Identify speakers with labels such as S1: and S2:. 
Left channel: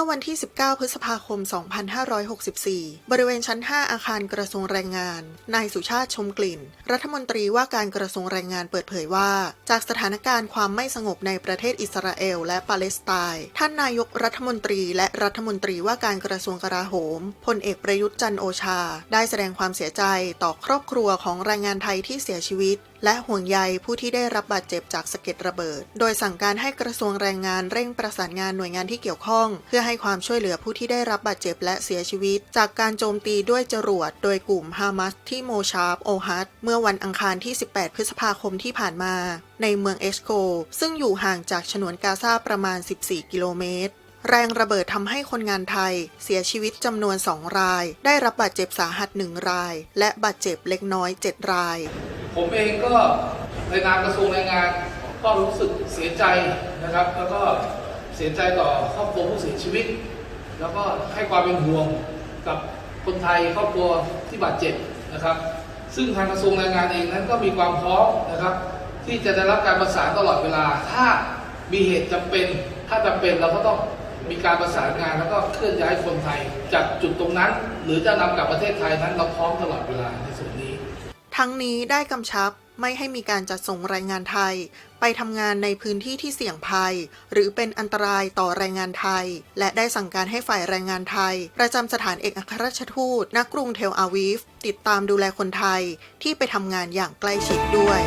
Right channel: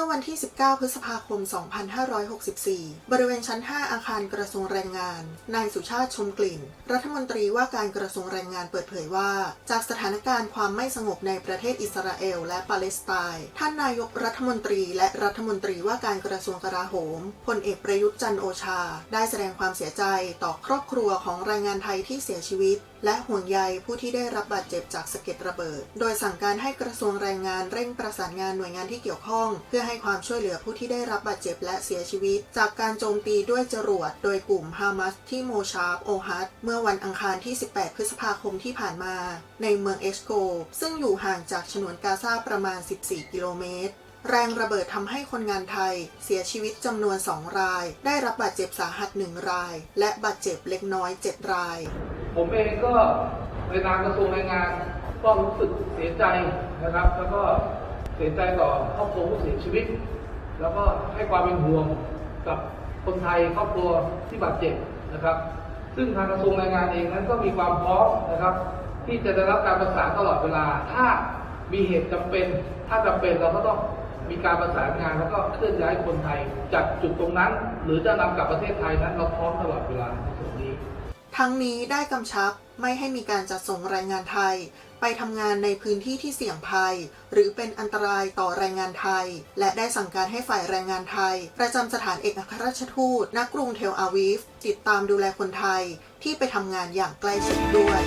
S1: มื่อวันที่ 19 พฤษภาคม 2564 บริเวณชั้น 5 อาคารกระทรวงแรงงาน นายสุชาติชมกลิ่น รัฐมนตรีว่าการกระทรวงแรงงานเปิดเผยว่า จากสถานการณ์ความไม่สงบในประเทศอิสราเอลและปาเลสไตน์ ท่านนายกรัฐมนตรีและรัฐมนตรีว่าการกระทรวงกลาโหม พลเอกประยุทธ์จันทร์โอชา ได้แสดงความเสียใจต่อครอบครัวของแรงงานไทยที่เสียชีวิตและห่วงใยผู้ที่ได้รับบาดเจ็บจากสะเก็ดระเบิด โดยสั่งการให้กระทรวงแรงงานเร่งประสานงานหน่วยงานที่เกี่ยวข้อง เพื่อให้ความช่วยเหลือผู้ที่ได้รับบาดเจ็บและเสียชีวิต จากการโจมตีด้วยจรวด โดยกลุ่มฮามาสที่โมชาร์บโอฮัตเมื่อวันอังคารที่ 18 พฤษภาคมที่ผ่านมา ในเมืองเอชโกซึ่งอยู่ห่างจากฉนวนกาซาประมาณ 14 กิโลเมตรแรงระเบิดทำให้คนงานไทย เสียชีวิตจำนวน 2 ราย ได้รับบาดเจ็บสาหัส 1 ราย และบาดเจ็บเล็กน้อย 7 ราย
S2: ผมเองก็ในนามกระทรวงแรงงานก็รู้สึกเสียใจนะครับ แล้วก็ เสียใจต่อครอบครัวผู้เสียชีวิต แล้วก็ให้ความเป็นห่วงกับคนไทยครอบครัวที่บาดเจ็บนะครับ ซึ่งทางกระทรวงแรงงานเองนั้นก็มีความพร้อมนะครับ ที่จะได้รับการประสานตลอดเวลา ถ้ามีเหตุจำเป็น ถ้าจำเป็นเราก็ต้องมีการประสานงานแล้วก็เคลื่อนย้ายคนไทยจากจุดตรงนั้น หรือจะนำกลับประเทศไทยนั้นเราพร้อมตลอดเวลาในส่วนนี้
S1: ทั้งนี้ได้กำชับ ไม่ให้มีการจัดส่งแรงงานไทย ไปทำงานในพื้นที่ที่เสี่ยงภัย หรือเป็นอันตรายต่อแรงงานไทย และได้สั่งการให้ฝ่ายแรงงานไทย ประจำสถานเอกอัครราชทูตณกรุงเทลอาวีฟ ติดตามดูแลคนไทยที่ไปทำงานอย่างใกล้ชิดด้วย